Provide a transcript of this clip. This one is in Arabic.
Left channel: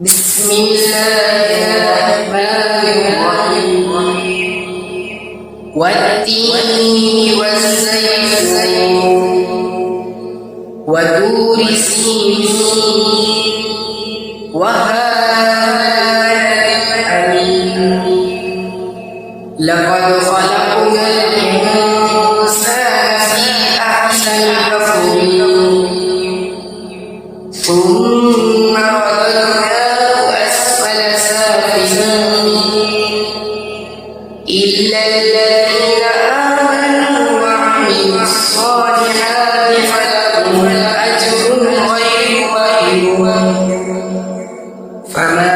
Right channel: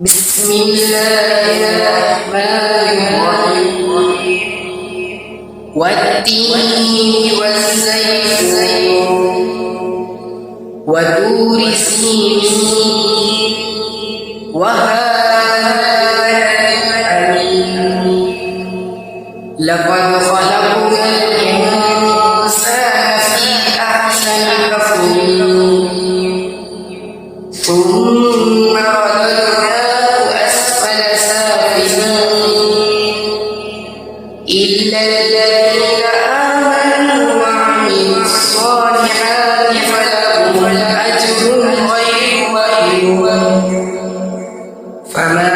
بسم الله الرحمن الرحيم والتين والزيتون وطور سينين وهذا الحميم لقد خلقنا الإنسان في أحسن تقويم ثم رددناه أسفل سافلين إلا الذين آمنوا وعملوا الصالحات فلهم أجر غير ممنون فما